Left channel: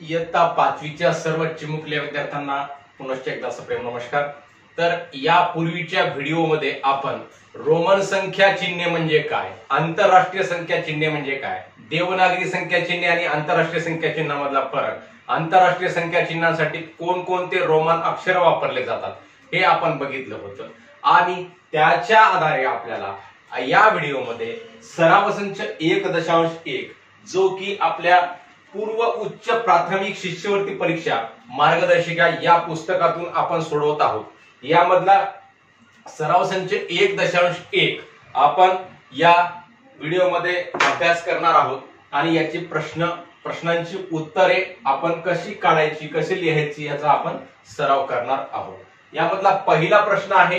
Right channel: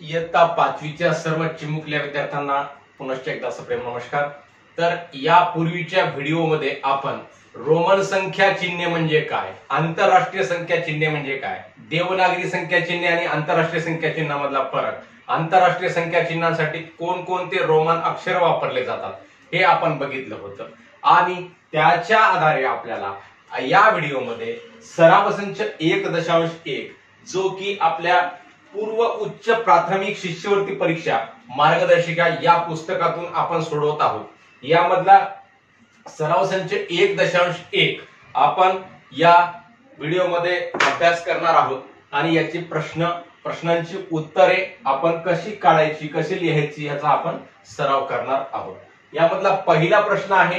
इयत्ता पाचवीच्या सर्व चिमुकल्या विद्यार्थ्यांना पुनश्च एकदा सप्रेम नमस्कार। तर यापूर्वीच्या व्हिडिओमध्ये आपण रोमन संख्या चिन्हे म्हणजे काय, आंतरराष्ट्रीय संख्या चिन्हे म्हणजे काय, देवनागरी संख्या चिन्हे आणि आंतरराष्ट्रीय संख्या चिन्हामधला फरक, आंतरराष्ट्रीय संख्या चिन्हांसाठी कोणकोणते रोमन अक्षर वापरले जातात हे आपण बघितलं होतं। आणि त्याच्या आधारे आपल्याला या व्हिडिओमध्ये सराव संच 1.1 जो की आपल्या पूर्व उच्च प्राथमिक शिष्यवृत्ती परीक्षा मार्गदर्शिका या पुस्तकातून आपण सोडवत आहोत। यामधला सराव संच 1.1 आपण या व्हिडिओमध्ये अभ्यास करणार आहोत आणि याची प्रश्नांची उत्तरे आपण कशी काढायची, कशी लिहायची याचा आपण सराव करणार आहोत। यामधला पहिला प्रश्न आहे,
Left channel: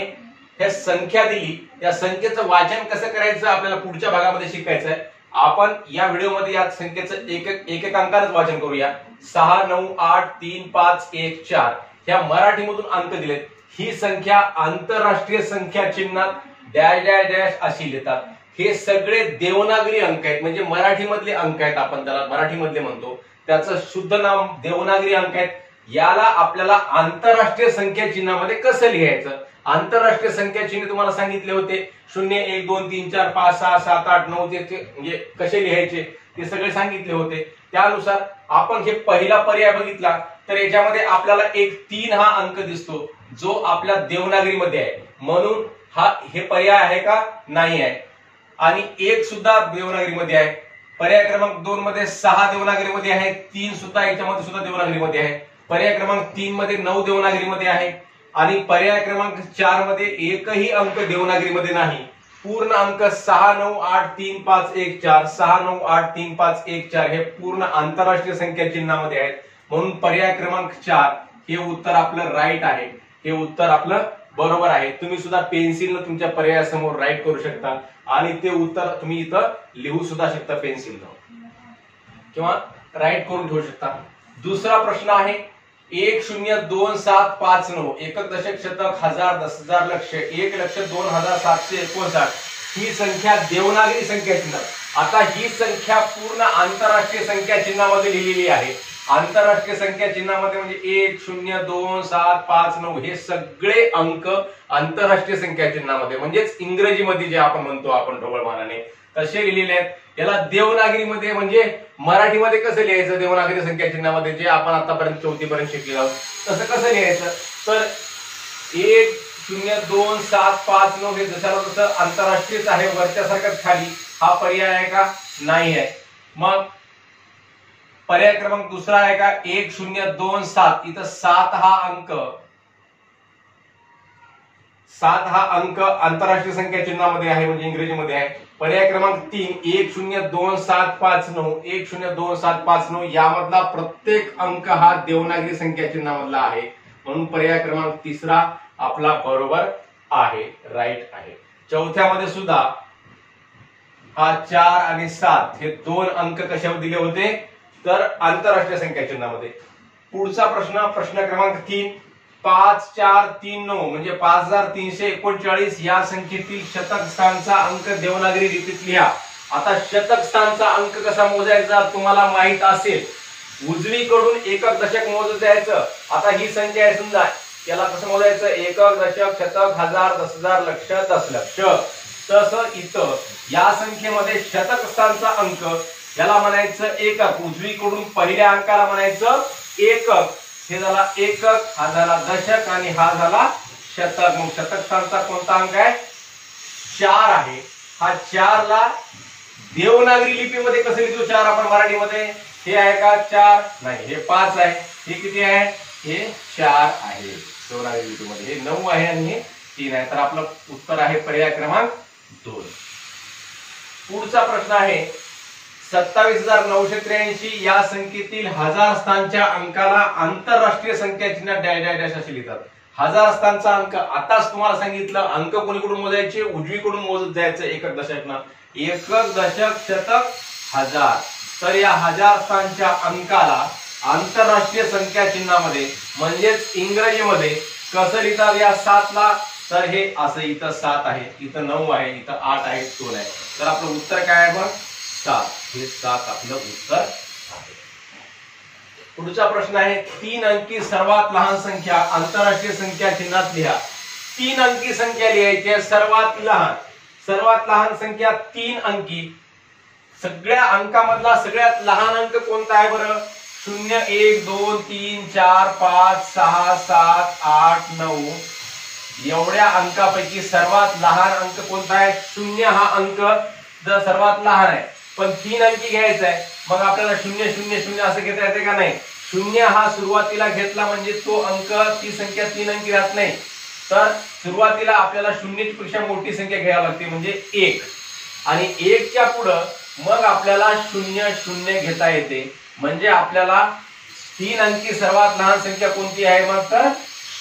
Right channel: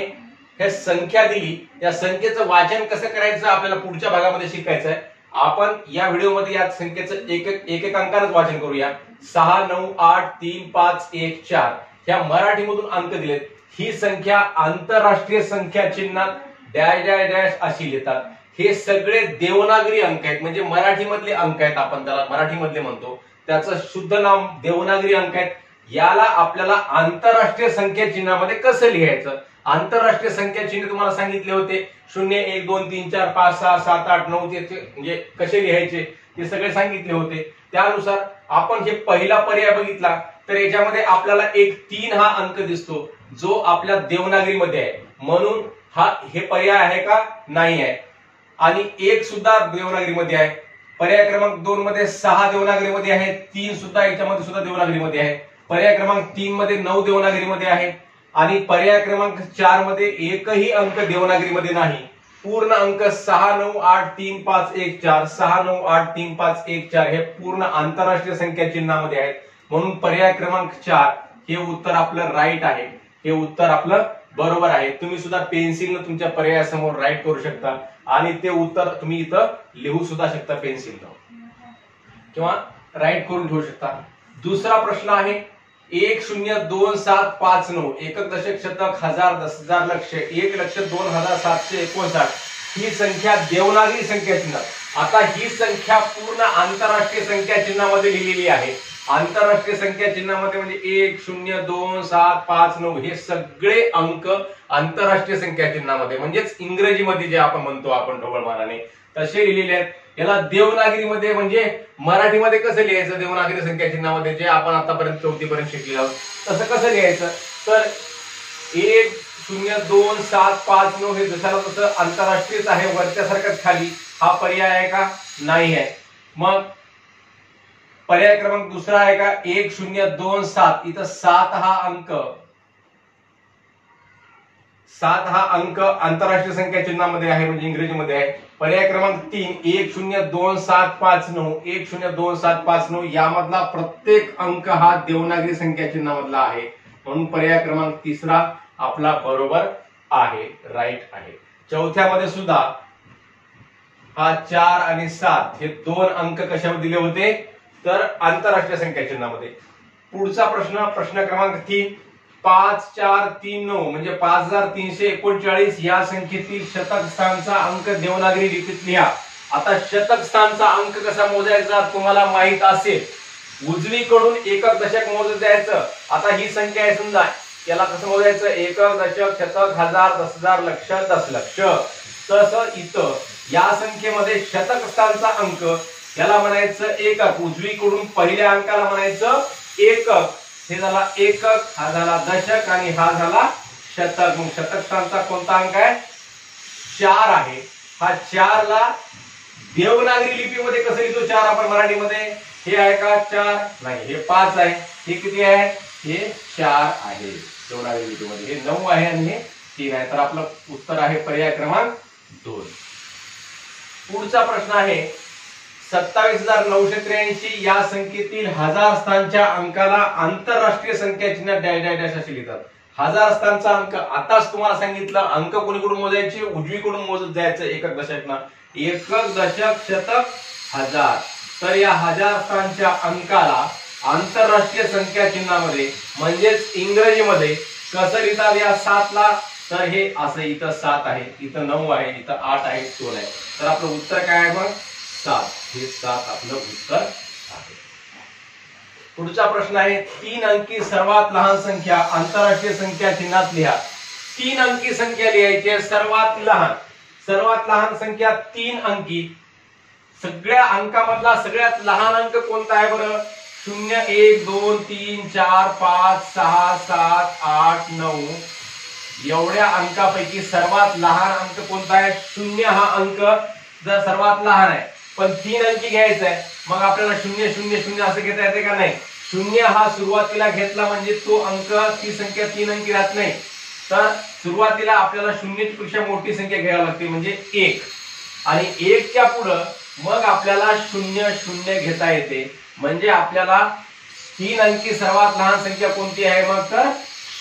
हे संख्या दिली, या संख्येचं वाचन कसं करायचं आपल्याला पुढच्या भागामध्ये शिकायचं आहे। आपण या व्हिडिओमध्ये या संख्येचं एक अंकानच वाचन करूया। 6 9 8 3 5 1 4 ह्या मराठीमधून अंक दिलेत। ही संख्या आंतरराष्ट्रीय संख्या चिन्हात डॅश डॅश डॅश अशी लिहितात। हे सगळे देवनागरी अंक आहेत, म्हणजे मराठीमधले अंक आहेत, आपण त्याला मराठीमधले म्हणतो, त्याचं शुद्ध नाम देवनागरी अंक आहेत। याला आपल्याला आंतरराष्ट्रीय संख्या चिन्हामध्ये कसं लिहायचं, आंतरराष्ट्रीय संख्या चिन्ह तुम्हाला सांगितले होते 0 1 2 3 4 5 6 7 8 9 म्हणजे कसे लिहायचे ते सगळे सांगितले होते। त्यानुसार आपण जे पहिला पर्याय बघितला तर याच्यामध्ये आपल्याला एक 3 हा अंक दिसतो जो आपल्या देवनागरीमध्ये आहे, म्हणून हे पर्याय आहे का, नाही आहे। आणि 1 सुद्धा देवनागरीमध्ये आहे। पर्याय क्रमांक 2 मध्ये 6 देवनागरीमध्ये आहे, 3 सुद्धा याच्यामध्ये सुद्धा देवनागरीमध्ये आहे। पर्याय क्रमांक 3 मध्ये 9 देवनागरीमध्ये आहे आणि पर्याय क्रमांक 4 मध्ये एकही अंक देवनागरीमध्ये नाही। पूर्ण अंक 6 9 8 3 5 1 4 6 9 8 3 5 1 4 हे पूर्ण आंतरराष्ट्रीय संख्या चिन्हामध्ये आहेत, म्हणून पर्याय क्रमांक 4 हे उत्तर आपलं राईट आहे, हे उत्तर आपलं बरोबर आहे। तुम्ही सुद्धा पेन्सिलनं तुमच्या पर्यायासमोर राईट करू शकता आणि ते उत्तर तुम्ही इथं लिहू सुद्धा शकता पेन्सिलनं किंवा राईट करून ठेवू शकता। दुसरा प्रश्न आहे 10275 एकक दशक शतक हजार दस हजार लक्ष 1,02,759 ही संख्या देवनागरी संख्या चिन्ह। आता ही संख्या पूर्ण आंतरराष्ट्रीय संख्या चिन्हामध्ये लिहिलेली आहे। आंतरराष्ट्रीय संख्या चिन्हामध्ये म्हणजे 1,02759 हे सगळे अंक आंतरराष्ट्रीय संख्या चिन्हामध्ये म्हणजेच इंग्रजीमध्ये जे आपण म्हणतो आपण ढोबळमानाने तसे लिहिलेले आहेत। याला देवनागरीमध्ये म्हणजे मराठीमध्ये कसं लिहायचं, देवनागरी संख्या चिन्हामध्ये जे आपण आतापर्यंत 4थी पर्यंत शिकलेलो आहोत तसं कसं लिहायचं, तर 1,02759 हे जशाला तसं आंतरराष्ट्रीयच आहे, वरच्यासारखं खाली, हा पर्याय आहे का, नाही आहे। मग पर्याय क्रमांक दुसरा आहे का 1027 इथं 7 हा अंक आंतरराष्ट्रीय संख्या चिन्हामध्ये आहे म्हणजे इंग्रजीमध्ये आहे। पर्याय क्रमांक 3 1,02750 यामधला प्रत्येक अंक हा देवनागरी संख्या चिन्हामधला आहे, म्हणून पर्याय क्रमांक तिसरा आपला बरोबर आहे, राईट आहे। चौथ्यामध्ये सुद्धा हा 4 आणि 7 हे 2 अंक कशामध्ये दिले होते, तर आंतरराष्ट्रीय संख्या चिन्हामध्ये। पुढचा प्रश्न क्रमांक 3 5439 म्हणजे 5339 या संख्येतील शतक स्थानचा अंक देवनागरी लिपीत लिहा। आता शतक स्थानचा अंक कसा मोजायचा तुम्हाला माहित असेल, उजवीकडून एकक दशक मोजत जायचं। आता ही संख्या आहे समजा, याला कसं मोजायचं, एकक दशक शतक हजार दस हजार लक्ष दशलक्ष। तसं इथं या संख्येमध्ये शतक स्थानचा अंक याला म्हणायचं एकक, उजवीकडून पहिल्या अंकाला म्हणायचं एकक, हे झाला एकक, हा झाला दशक आणि हा झाला शतक। मग शतक स्थानचा कोणता अंक आहे, 4 आहे। हा 4 ला देवनागरी लिपीमध्ये कसं लिहितो 4 आपण मराठीमध्ये, हे आहे का 4, नाही हे 5 आहे, हे किती आहे, हे 4 आहे देवनागरी लिपीमध्ये, हे 9 आहे आणि हे 3 आहे, तर आपलं उत्तर आहे पर्याय क्रमांक 2। पुढचा प्रश्न आहे 27,983 या संख्येतील हजार स्थानच्या अंकाला आंतरराष्ट्रीय संख्या चिन्ह डॅश डॅश डॅश असे लिहितात। हजार स्थानचा अंक आताच तुम्हाला सांगितलं, अंक कोणीकडून मोजायचे, उजवीकडून मोजत जायचं एकक दशकना, एकक दशक शतक हजार। तर या हजार स्थानच्या अंकाला आंतरराष्ट्रीय संख्या चिन्हामध्ये म्हणजेच इंग्रजीमध्ये कसं लिहितात या 7 ला, तर हे असं इथं 7 आहे, इथं 9 आहे, इथं 8 आहे, 2 आहे, तर आपलं उत्तर काय आहे मग 7, हे 7 आपलं उत्तर आहे। पुढचा प्रश्न आहे 3 अंकी सर्वात लहान संख्या आंतरराष्ट्रीय संख्या चिन्हात लिहा। 3 अंकी संख्या लिहायची आहे, सर्वात लहान संख्या 3 अंकी। सगळ्या अंकामधला सगळ्यात लहान अंक कोणता आहे बरं? 0 1 2 3 4 5 6 7 8 9 एवढ्या अंकापैकी सर्वात लहान अंक कोणता आहे? 0 हा अंक जर सर्वात लहान आहे, पण 3 अंकी घ्यायचा आहे, मग आपल्याला 0 0 0 असं घेता येते का? नाही। 0 हा सुरुवातीला घेतला म्हणजे तो अंक, ती संख्या 3 अंकी राहत नाही, तर सुरुवातीला आपल्याला 0 पेक्षा मोठी संख्या घ्यावी लागते म्हणजे 1, आणि 1 च्या पुढे मग आपल्याला 0 0 घेता येते, म्हणजे आपल्याला 3 अंकी सर्वात लहान संख्या कोणती आहे? मग तर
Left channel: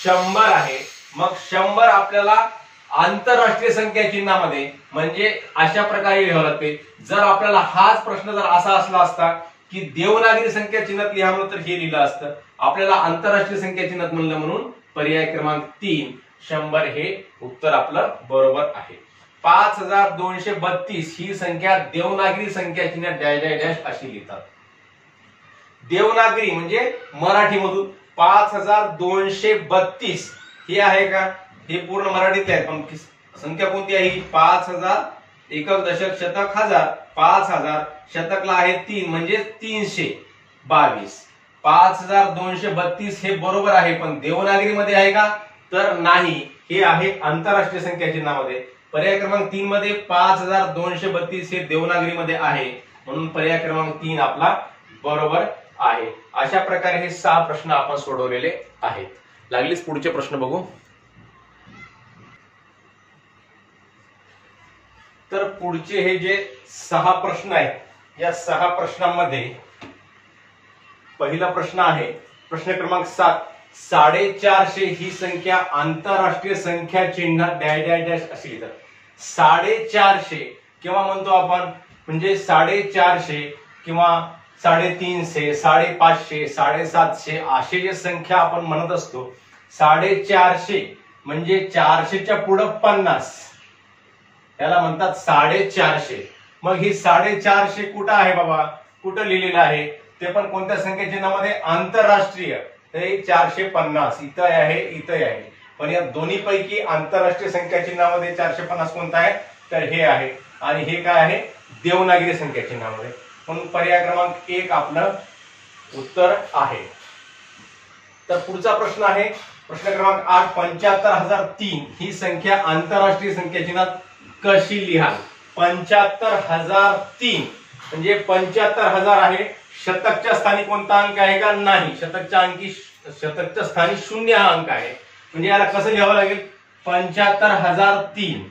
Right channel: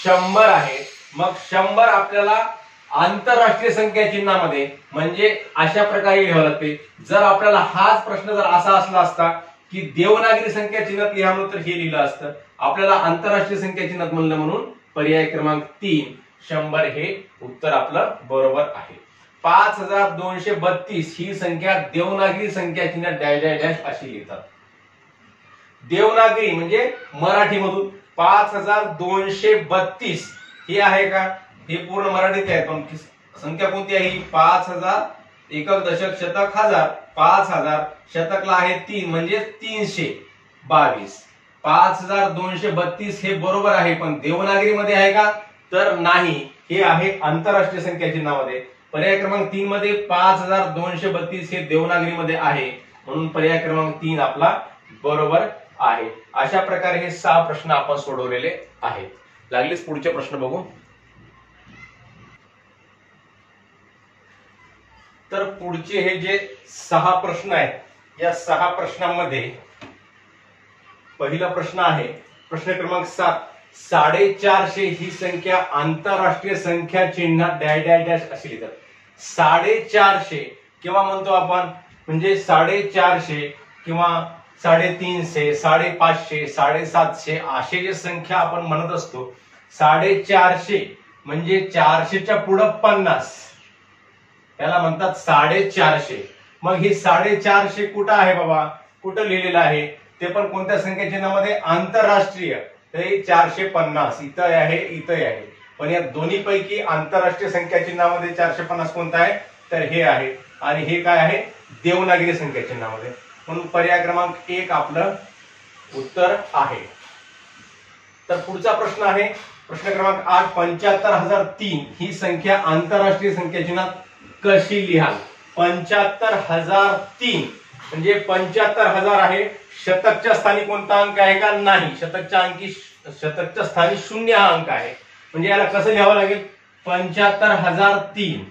100 आहे। मग 100 आपल्याला आंतरराष्ट्रीय संख्या चिन्हामध्ये म्हणजे अशा प्रकारे लिहावं लागते। जर आपल्याला हाच प्रश्न जर असा असला असता की देवनागरी संख्या चिन्हात लिहा म्हणून, तर हे लिहिलं असतं। आपल्याला आंतरराष्ट्रीय संख्या चिन्हात म्हणलं म्हणून पर्याय क्रमांक 3 100 हे उत्तर आपलं बरोबर आहे। 5232 ही संख्या देवनागरी संख्या चिन्हात डॅश डॅश डॅश अशी लिहितात। देवनागरी म्हणजे मराठीमधून 5232 हे आहे का? हे पूर्ण मराठीत आहे, पण संख्या कोणती आहे? 5000 एकक दशक शतक हजार, 5000 शतकला आहे 3 म्हणजे 322। 5232 हे बरोबर आहे, पण देवनागरी मध्ये आहे का? तर नाही, हे आहे आंतरराष्ट्रीय संख्या चिन्हामध्ये। पर्याय क्रमांक 3 मध्ये 5232 हे देवनागरी मध्ये आहे, म्हणून पर्याय क्रमांक 3 आपला बरोबर आहे। अशा प्रकारे हे 6 प्रश्न आपण सोडवलेले आहेत। लागलीच पुढचे प्रश्न बघू। तर पुढचे हे जे 6 प्रश्न आहेत, या 6 प्रश्नांमध्ये पहिला प्रश्न आहे प्रश्न क्रमांक 7, 450 ही संख्या आंतरराष्ट्रीय संख्या चिन्हात डॅश डॅश डॅश अशी लिहितात। 450 किंवा म्हणतो आपण म्हणजे 450 किंवा 350, 550, 750 असे जे संख्या आपण म्हणत असतो, 450 म्हणजे 400च्या पुढे 50 याला म्हणतात 450। मग ही 450 कुठं आहे बाबा? कुठं लिहिलेलं आहे? ते पण कोणत्या संख्या चिन्हामध्ये? आंतरराष्ट्रीय। ते 450 इथं आहे, इथं आहे, पण या दोन्ही पैकी आंतरराष्ट्रीय संख्या चिन्हामध्ये 450 कोणता आहे? तर हे आहे, आणि हे काय आहे? देवनागरी संख्या चिन्हामध्ये, म्हणून पर्याय क्रमांक 1 आपलं उत्तर आहे। तर पुढचा प्रश्न आहे प्रश्न क्रमांक 8, 75003 ही संख्या आंतरराष्ट्रीय संख्या चिन्हात कशी लिहाल? 75003 म्हणजे 75000 आहे, शतकच्या स्थानी कोणता अंक आहे का? नाही, शतकच्या स्थानी 0 हा अंक आहे, म्हणजे याला कसं लिहावं लागेल? 75003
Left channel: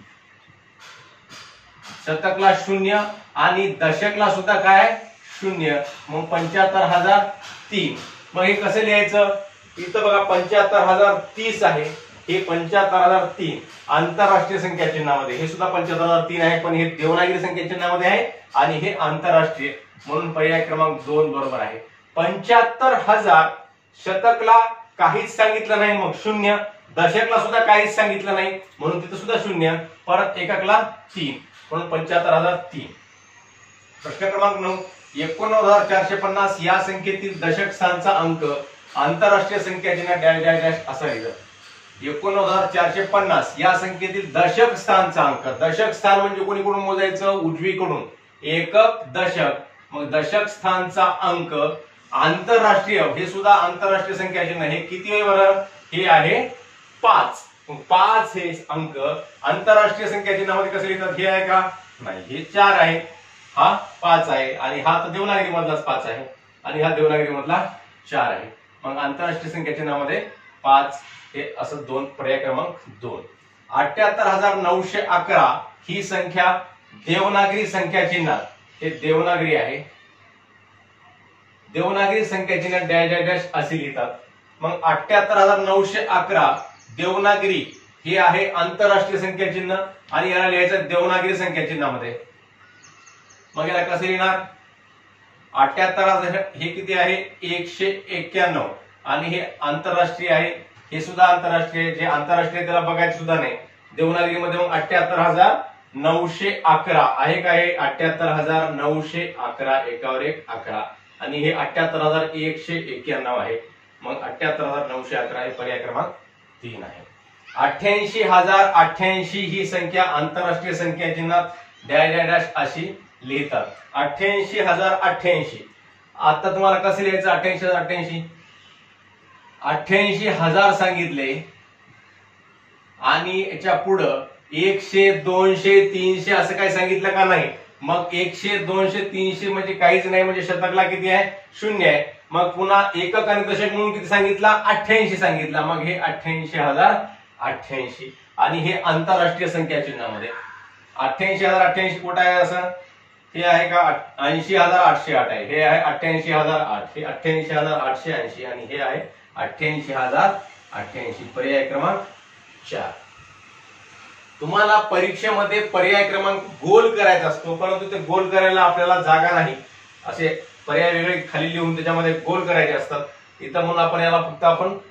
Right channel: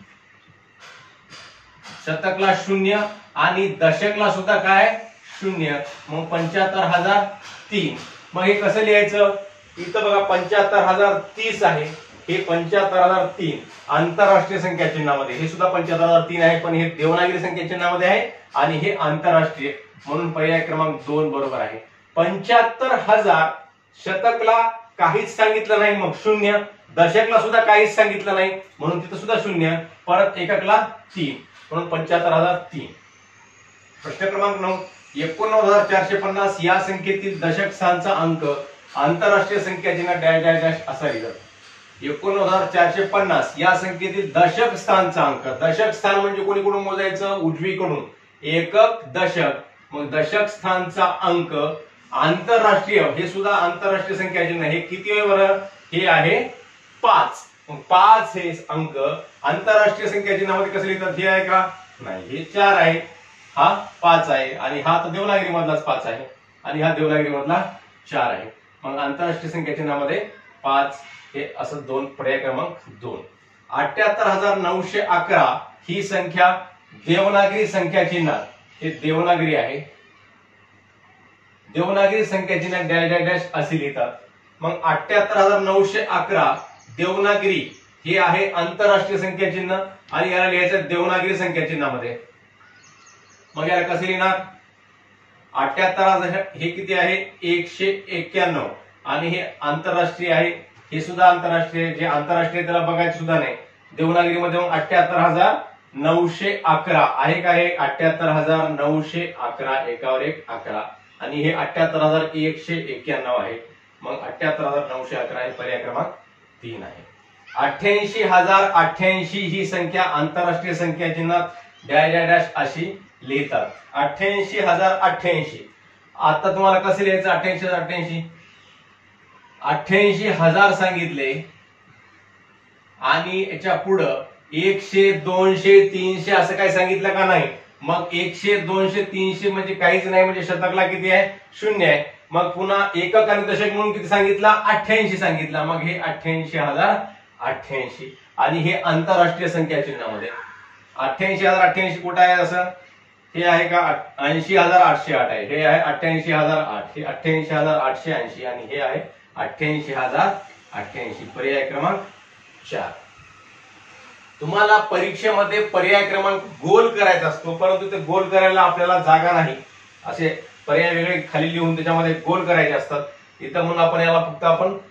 शतकला 0 आणि दशकला सुद्धा काय? 0, मग 75003। मग हे कसं लिहायचं? इथं बघा 75030 आहे, हे 75003 आंतरराष्ट्रीय संख्या चिन्हामध्ये, हे सुद्धा 75003 आहे, पण हे देवनागरी संख्या चिन्हामध्ये आहे आणि हे आंतरराष्ट्रीय, म्हणून पर्याय क्रमांक 2 बरोबर आहे। 75000 शतकला काहीच सांगितलं नाही, मग 0, दशकला सुद्धा काहीच सांगितलं नाही, म्हणून तिथं सुद्धा 0, परत एककला 3, म्हणून 75003। प्रश्न क्रमांक 9, 89450 या संख्येतील दशक स्थानचा अंक आंतरराष्ट्रीय संख्या चिन्हात डॅश डॅश डॅश असा लिहिलं। 89450 या संख्येतील दशक स्थानचा अंक, दशक स्थान म्हणजे कोणीकडून मोजायचं? उजवीकडून, एकक दशक, मग दशक स्थानचा अंक आंतरराष्ट्रीय, हे सुद्धा आंतरराष्ट्रीय संख्या चिन्ह, हे किती आहे बरं? हे आहे 5। 5 हे अंक आंतरराष्ट्रीय संख्या चिन्हामध्ये कसं लिहितात? हे आहे का? नाही, हे 4 आहे, हा 5 आहे, आणि हा तर देवनागरी मधलाच 5 आहे, आणि हा देवनागरी मधला 4 आहे, मग आंतरराष्ट्रीय संख्या चिन्हामध्ये 5 हे असं 2, पर्याय क्रमांक 2। 78911 ही संख्या देवनागरी संख्या चिन्हात, हे देवनागरी आहे, देवनागरी संख्या चिन्हात डॅश डॅश डॅश असे लिहितात। मग 78911 देवनागरी हे आहे आंतरराष्ट्रीय संख्या चिन्ह, आणि याला लिहायचं देवनागरी संख्या चिन्हामध्ये, मग याला कसं लिहिणार? 78000 हे किती आहे? 191, आणि हे आंतरराष्ट्रीय आहे, हे सुद्धा आंतरराष्ट्रीय, जे आंतरराष्ट्रीय त्याला बघायचं सुद्धा नाही देवनागरीमध्ये, मग 78911 आहे का? हे 78911 एकावर एक 11, आणि हे 78,191 आहे. मग 78,911 हे पर्याय क्रमांक 3 आहे. 88,088 ही संख्या आंतरराष्ट्रीय संख्या चिन्हात डॅश डॅश डॅश अशी लिहितात. 88,088 आता तुम्हाला कसं लिहायचं? 88,088 88,000 सांगितले आणि याच्या पुढं 100 200 300 असं काही सांगितलं का नाही? मग 100 200 300 म्हणजे काहीच नाही, म्हणजे शतकला किती आहे? 0 आहे. मग पुन्हा एकक आणि दशक म्हणून किती सांगितला? 88 सांगितला. मग हे 88,088 आणि हे आंतरराष्ट्रीय संख्या चिन्हामध्ये 88,088 कुठं आहे? असं हे आहे का? 80,808 आहे. हे आहे 88,008. हे 88,880 आणि हे आहे 88,088. पर्याय क्रमांक 4. तुम्हाला परीक्षेमध्ये पर्याय क्रमांक गोल करायचा असतो, परंतु ते गोल करायला आपल्याला जागा नाही. असे पर्याय वेगळे खाली लिहून त्याच्यामध्ये गोल करायचे असतात. इथं म्हणून आपण याला फक्त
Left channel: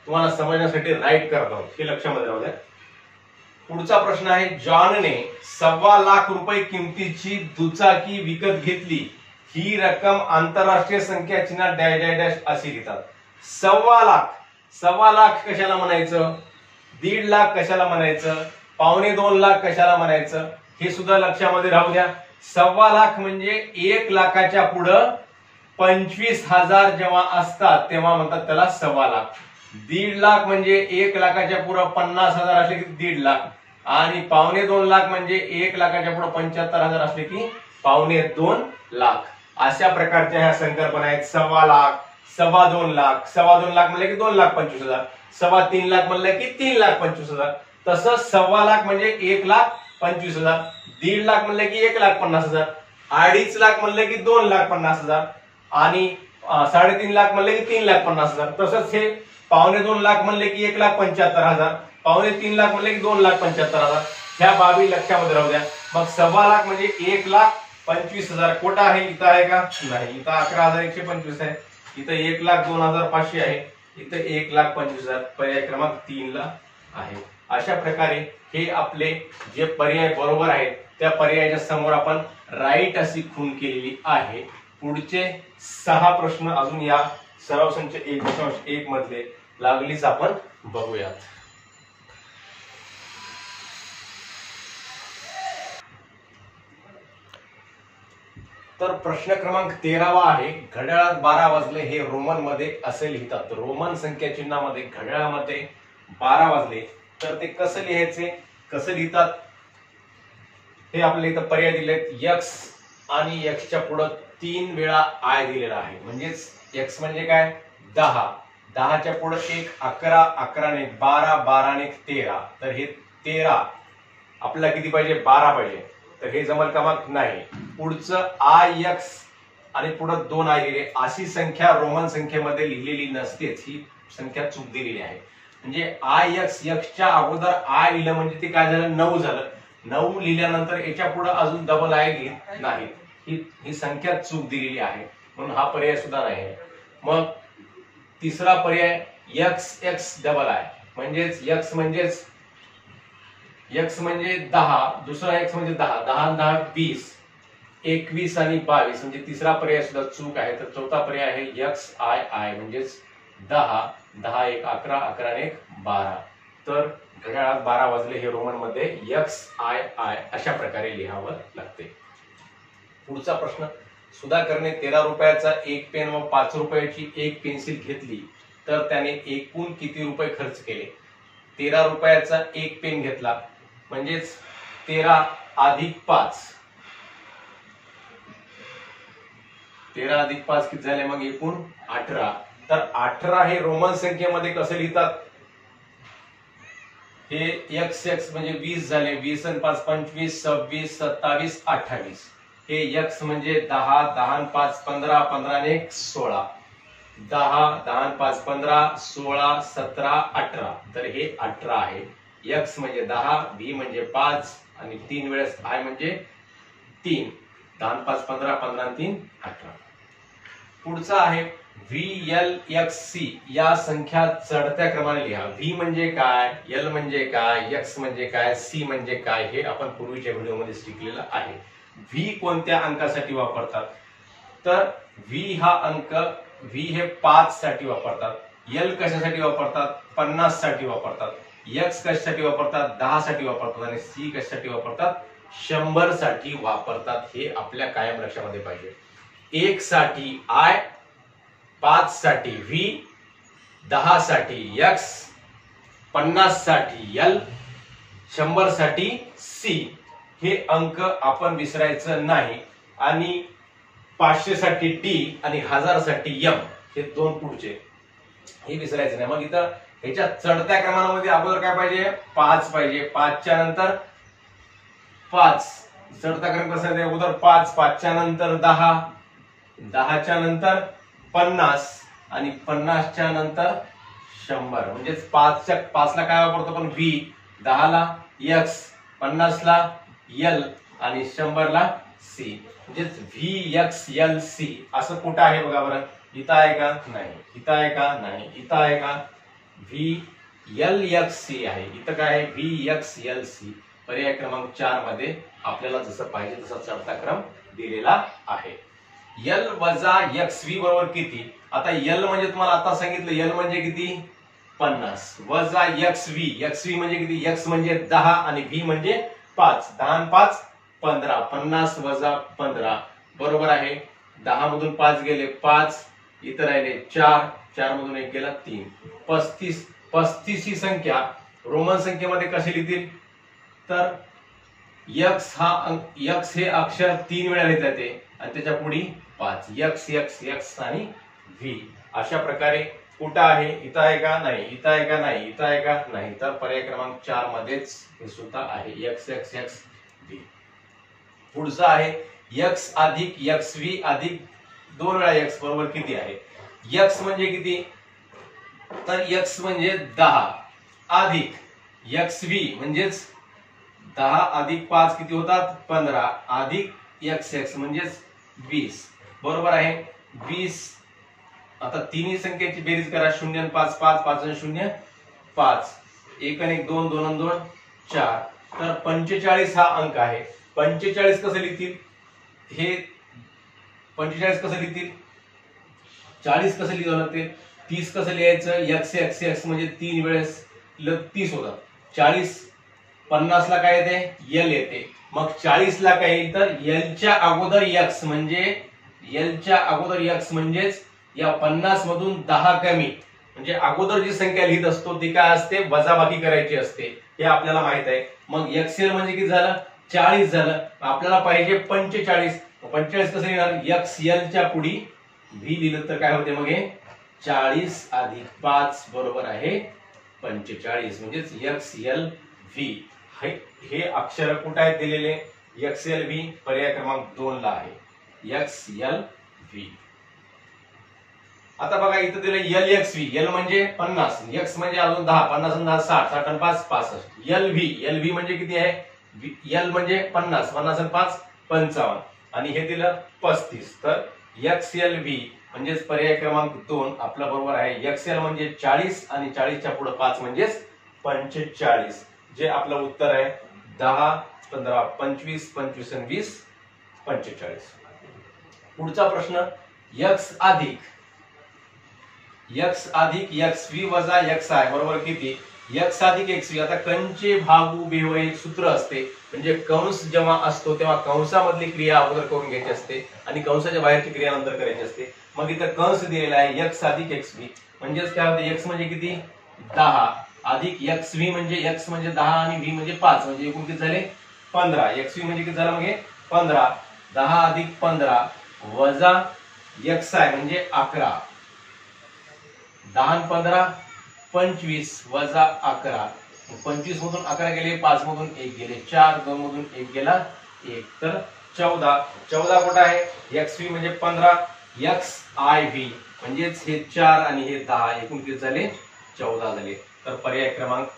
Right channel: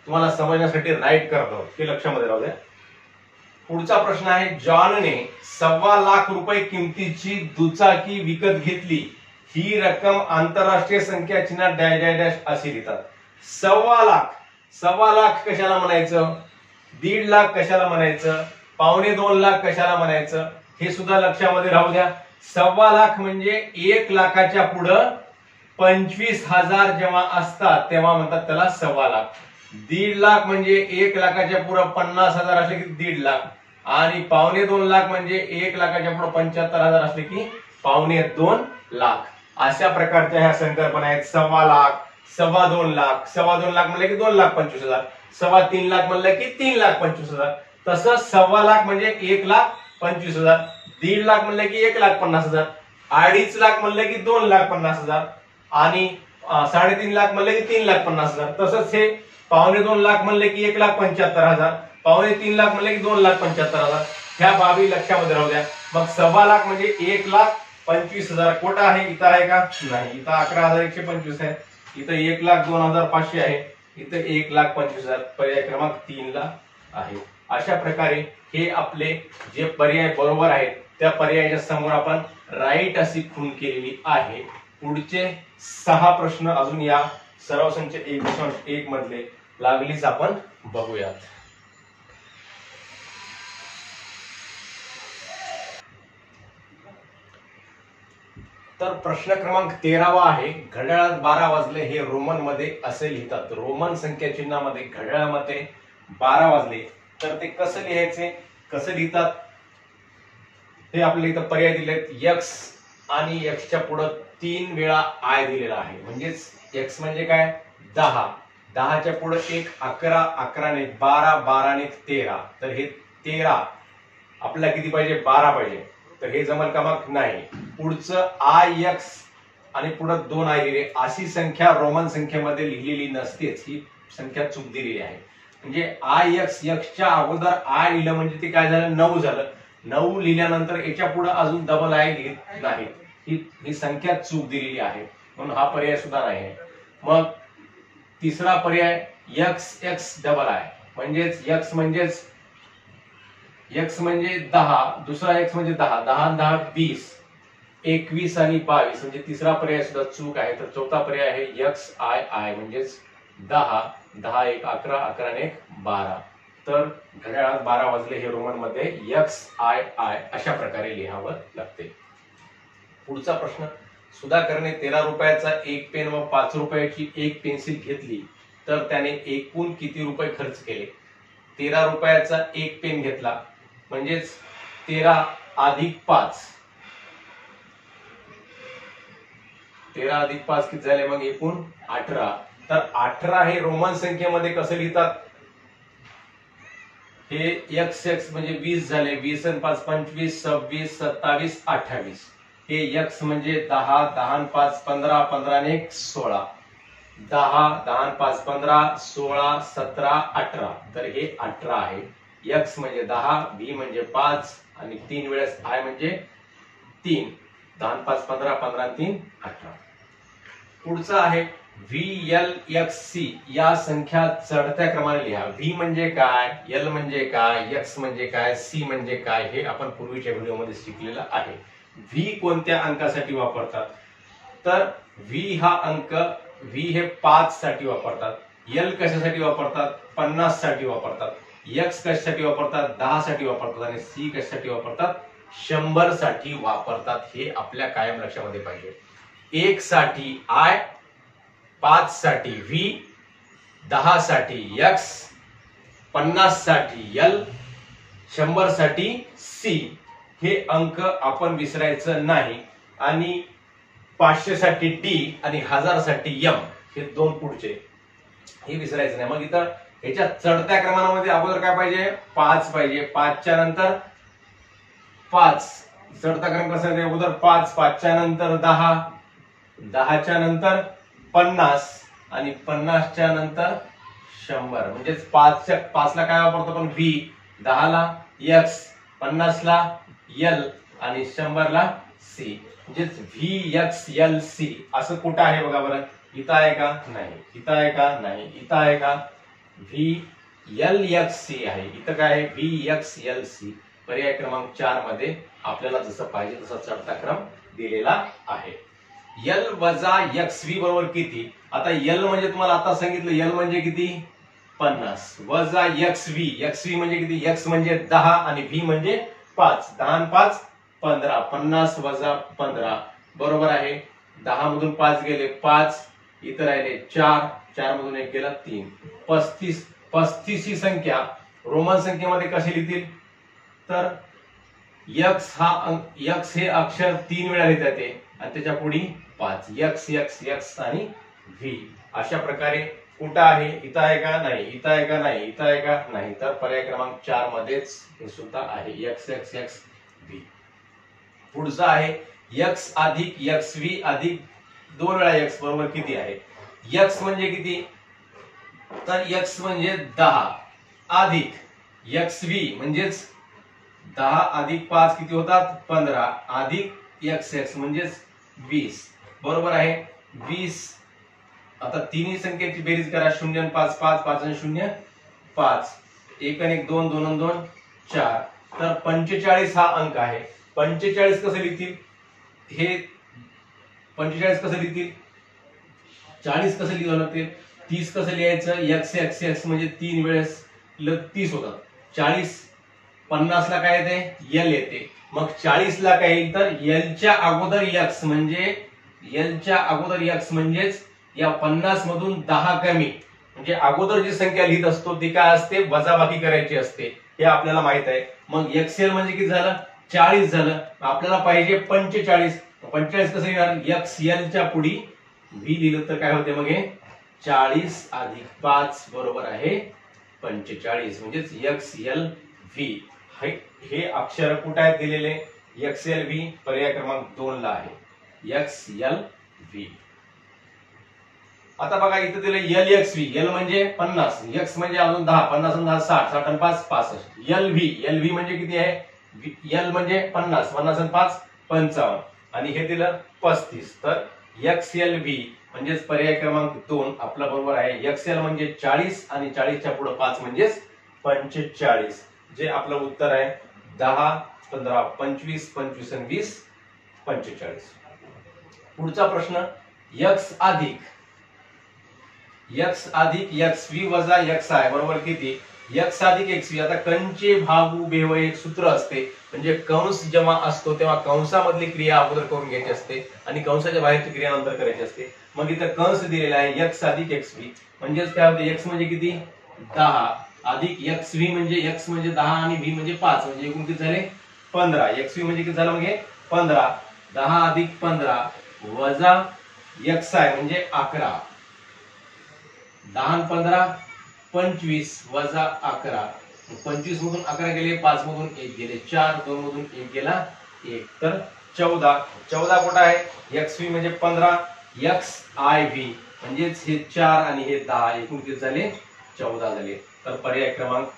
तुम्हाला समजण्यासाठी राईट करत आहोत, हे लक्षामध्ये राहू द्या. पुढचा प्रश्न आहे, जॉनने 1.25 लाख रुपये किमतीची दुचाकी विकत घेतली. ही रक्कम आंतरराष्ट्रीय संख्या चिन्हात डॅश डॅश डॅश अशी लिहितात. 1.25 लाख. 1.25 लाख कशाला म्हणायचं? 1.5 लाख कशाला म्हणायचं? 1.25 लाख कशाला म्हणायचं? हे सुद्धा लक्षामध्ये राहू द्या. 1.25 लाख म्हणजे 1 लाखाच्या पुढं 25,000 जेव्हा असतात तेव्हा म्हणतात त्याला 1.25 लाख. 1.5 लाख म्हणजे 1 लाखाच्या पुढं 50,000 असले की 1.5 लाख आणि 1.25 लाख म्हणजे 1 लाखाच्या पुढे 75,000 असले की 1.25 लाख. अशा प्रकारच्या ह्या संकल्पना आहेत. 1.25 लाख, 2.25 लाख, 2.25 लाख म्हणलं की 2,25,000, 3.25 लाख म्हणलं की 3,25,000. तसंच 1.25 लाख म्हणजे 1,25,000, 1.5 लाख म्हणलं की 1,50,000, 2.5 लाख म्हणलं की 2,50,000 आणि 3.5 लाख म्हणलं की 3,50,000. तसंच हे 2.25 लाख म्हणले की 1,75,000, 2.25 लाख म्हणले की 2,75,000. ह्या बाबी लक्षामध्ये राहू द्या. मग 1.25 लाख म्हणजे 1,25,000. कोटा आहे? इथं आहे का? नाही. इथं 11,125 आहे. इथं 1,02,500 आहे. इथं 1,25,000. पर्याय क्रमांक 3 ला आहे. अशा प्रकारे हे आपले जे पर्याय बरोबर आहेत त्या पर्यायाच्या समोर आपण राईट अशी खूण केलेली आहे. पुढचे 6 प्रश्न अजून या सराव संच 1.1 मधले लागलीच आपण बघूयात. तर प्रश्न क्रमांक 13 आहे. घड्याळात 12 वाजले हे रोमन मध्ये असे लिहितात. रोमन संख्या चिन्हामध्ये घड्याळामध्ये 12 वाजले तर ते कसं लिहायचे, कसं लिहितात हे आपल्याला इथं पर्याय दिलेत. एक्स आणि एक्सच्या पुढे 3 वेळा आय दिलेला आहे. म्हणजेच एक्स म्हणजे काय? 10, 10च्या पुढे 1 11, 11 ने 12, 12 ने 13. तर हे 13 आपल्याला किती पाहिजे? 12 पाहिजे. तर हे जमल का? मग नाही. पुढचं आय एक्स आणि पुढे 2 आय दिले. अशी संख्या रोमन संख्येमध्ये लिहिलेली नसतेच. ही संख्या चूक दिलेली आहे. म्हणजे आय एक्स, एक्सच्या अगोदर आय लिहिलं म्हणजे ते काय झालं? 9 झालं. 9 लिहिल्यानंतर याच्या पुढे अजून डबल आय लिहित नाही. ही संख्या चूक दिलेली आहे म्हणून हा पर्याय सुद्धा नाही. मग तिसरा पर्याय एक्स एक्स डबल आय म्हणजेच एक्स म्हणजे 10, दुसरा एक्स म्हणजे 10, 10 10 20, 21 आणि 22 म्हणजे तिसरा पर्याय सुद्धा चूक आहे. तर चौथा पर्याय आहे एक्स आय आय म्हणजेच 10, 10 1 11, 11 1 12. तर घड्याळात 12 वाजले हे रोमन मध्ये एक्स आय आय अशा प्रकारे लिहावं लागते. पुढचा प्रश्न, सुधाकरने 13 रुपयाचा 1 पेन व 5 रुपयाची 1 पेन्सिल घेतली तर त्याने एकूण किती रुपये खर्च केले? 13 रुपयाचा 1 पेन घेतला म्हणजेच 13 अधिक 5, 13 अधिक 5 किती झाले? मग एकूण 18. तर 18 हे रोमन संख्येमध्ये कसं लिहितात? हे एक्स एक्स म्हणजे 20 झाले. 20 आणि 5 25, 26 27 28. हे एक्स म्हणजे 10, 10 आणि 5 15, 15 आणि 1 16, 10, 10 आणि 5 15, 16 17 18. तर हे 18 आहे. एक्स म्हणजे 10, बी म्हणजे 5 आणि 3 वेळेस आय म्हणजे 3. 10 आणि 5 15, 15 आणि 3 18. पुढचा आहे VLXC या संख्या चढत्या क्रमाने लिहा. व्ही म्हणजे काय, एल म्हणजे काय, एक्स म्हणजे काय, सी म्हणजे काय हे आपण पूर्वीच्या व्हिडिओमध्ये शिकलेलं आहे. व्ही कोणत्या अंकासाठी वापरतात? तर व्ही हा अंक, व्ही हे 5 साठी वापरतात, एल कशासाठी वापरतात, 50 साठी वापरतात, एक्स कशासाठी वापरतात, 10 साठी वापरतात आणि सी कशासाठी वापरतात, 100 साठी वापरतात. हे आपल्या कायम लक्षामध्ये पाहिजे. 1 साठी आय, 5 साठी व्ही, 10 साठी एक्स, 50 साठी एल, 100 साठी सी. हे अंक आपण विसरायचं नाही. आणि 500 साठी डी आणि 1000 साठी एम, हे दोन पुढचे, हे विसरायचं नाही. मग इथं ह्याच्या चढत्या क्रमांकामध्ये अगोदर काय पाहिजे, 5 पाहिजे, 5 च्या नंतर 5, चढता क्रम कसा आहे, अगोदर 5, 5 च्या नंतर 10, 10 च्या नंतर 50 आणि 50 च्या नंतर 100. म्हणजे 5 ला काय वापरतो आपण, व्ही, 10 ला एक्स, 50 ला एल आणि 100 ला सी. म्हणजे व्ही एक्स एल सी असं कुठं आहे बघा बरं, इथं आहे का, नाही. इथं आहे का, नाही. इथं आहे का, व्ही एल एक्स सी आहे. इथं काय आहे, व्ही एक्स एल सी. पर्याय क्रमांक 4 मध्ये आपल्याला जसं पाहिजे तसा चढता क्रम दिलेला आहे. एल वजा एक्स व्ही बरोबर किती. आता एल म्हणजे तुम्हाला आता सांगितलं, एल म्हणजे किती, 50, वजा एक्स व्ही म्हणजे किती, एक्स म्हणजे 10 आणि व्ही म्हणजे 5, 10 आणि 5 15, 50 वजा 15 बरोबर आहे. 10 मधून 5 गेले 5, इथं राहिले 4, 4 मधून 1 गेला 3, 35. 35 ही संख्या रोमन संख्येमध्ये कशी लिहितील, तर एक्स हे अक्षर 3 वेळा लिहिता येते आणि त्याच्या पुढे 5, एक्स एक्स एक्स आणि व्ही. अशा प्रकारे कुठं आहे, इथं आहे का, नाही. इथं आहे का, नाही. इथं आहे का, नाही. तर पर्याय क्रमांक 4 मध्येच हे सुद्धा आहे, एक्स एक्स एक्स व्ही. पुढचा आहे एक्स अधिक एक्स व्ही अधिक 2 वेळा एक्स बरोबर किती आहे. एक्स म्हणजे किती, तर एक्स म्हणजे 10 अधिक एक्स व्ही म्हणजेच 10 अधिक 5 किती होतात, 15 अधिक एक्स एक्स म्हणजेच 20 बरोबर आहे 20. आता तिन्ही संख्येची बेरीज करा, 0 आणि 5 5, 5 आणि 0 5, 1 आणि 1 2, 2 आणि 2 4. तर 45 हा अंक आहे. 45 कसं लिहितील, हे 45 कसं लिहितील, 40 कसं लिहावं लागते, 30 कसं लिहायचं, एक्स एक्स एक्स म्हणजे 3 वेळेस 30 होतात. 40 50 ला काय येते, एल येते. मग 40 ला काय येईल, तर एलच्या अगोदर एक्स म्हणजे, एलच्या अगोदर एक्स म्हणजेच या 50 मधून 10 कमी, म्हणजे अगोदर जी संख्या लिहित असतो ती काय असते, वजाबाकी करायची असते, हे आपल्याला माहित आहे. मग एक्सएल म्हणजे किती झालं, 40 झालं. आपल्याला पाहिजे 45. 45 कसं लिहिणार, एक्स एल च्या पुढे व्ही लिहिलं तर काय होते, मग हे 40 अधिक 5 बरोबर आहे 45 म्हणजेच एक्स एल व्ही. हे अक्षर कुठे आहेत दिलेले, एक्स एल व्ही पर्याय क्रमांक 2 ला आहे, एक्स एल व्ही. आता बघा इथं दिले एल एक्स व्ही, एल म्हणजे 50, एक्स म्हणजे अजून 10, 50 आणि 10 60, 60 आणि 5 65. एल व्ही म्हणजे किती आहे, एल म्हणजे 50, 50 आणि 5 55 आणि हे दिलं 35. तर एक्स एल व्ही म्हणजेच पर्याय क्रमांक 2 आपला बरोबर आहे. एक्स एल म्हणजे 40 आणि 40 च्या पुढे 5 म्हणजेच 45, जे आपलं उत्तर आहे 10 15 25 25 आणि 20 45. पुढचा प्रश्न, एक्स अधिक एक्स व्ही वजा एक्स आय बरोबर किती. एक्स अधिक एक्स व्ही, आता कंचे भागू बेव एक सूत्र असते, म्हणजे कंस जेव्हा असतो तेव्हा कंसामधली क्रिया अगोदर करून घ्यायची असते आणि कंसाच्या बाहेरची क्रिया नंतर करायची असते. मग इथं कंस दिलेला आहे एक्स अधिक एक्स व्ही, म्हणजेच काय होते, एक्स म्हणजे किती 10 अधिक एक्स व्ही म्हणजे एक्स म्हणजे 10 आणि व्ही म्हणजे 5, म्हणजे एकूण किती झाले 15. एक्स व्ही म्हणजे किती झालं, मग 15, 10 अधिक 15 वजा एक्स आय म्हणजे 11, 10 आणि 15 25 वजा 11, 25 मधून 11 गेले, 5 मधून 1 गेले 4, 2 मधून 1 गेला 1, तर 14. 14 कुठं आहे, एक्स व्ही म्हणजे 15, एक्स आय व्ही म्हणजेच हे 4 आणि हे 10, एकूण किती झाले 14 झाले. तर पर्याय क्रमांक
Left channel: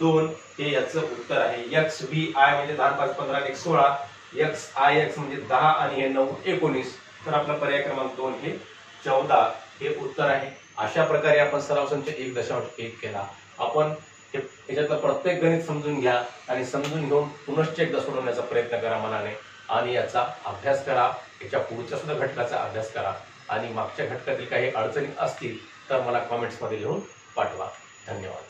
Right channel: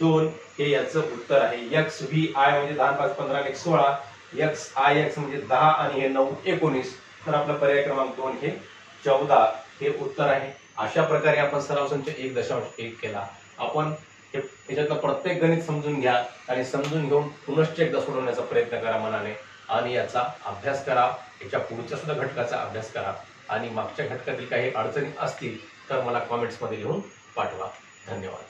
2 हे याचं उत्तर आहे. एक्स व्ही आय म्हणजे 10 5 15 आणि 16, एक्स आय एक्स म्हणजे 10 आणि हे 9 19, तर आपला पर्याय क्रमांक 2 हे 14 हे उत्तर आहे. अशा प्रकारे आपण सराव संच 1.1 केला. आपण याच्यातलं प्रत्येक गणित समजून घ्या आणि समजून घेऊन पुनश्च एकदा सोडवण्याचा प्रयत्न करा मनाने आणि याचा अभ्यास करा. याच्या पुढच्या सुद्धा घटकाचा अभ्यास करा आणि मागच्या घटकातील काही अडचणी असतील तर मला कॉमेंट्समध्ये लिहून पाठवा. धन्यवाद.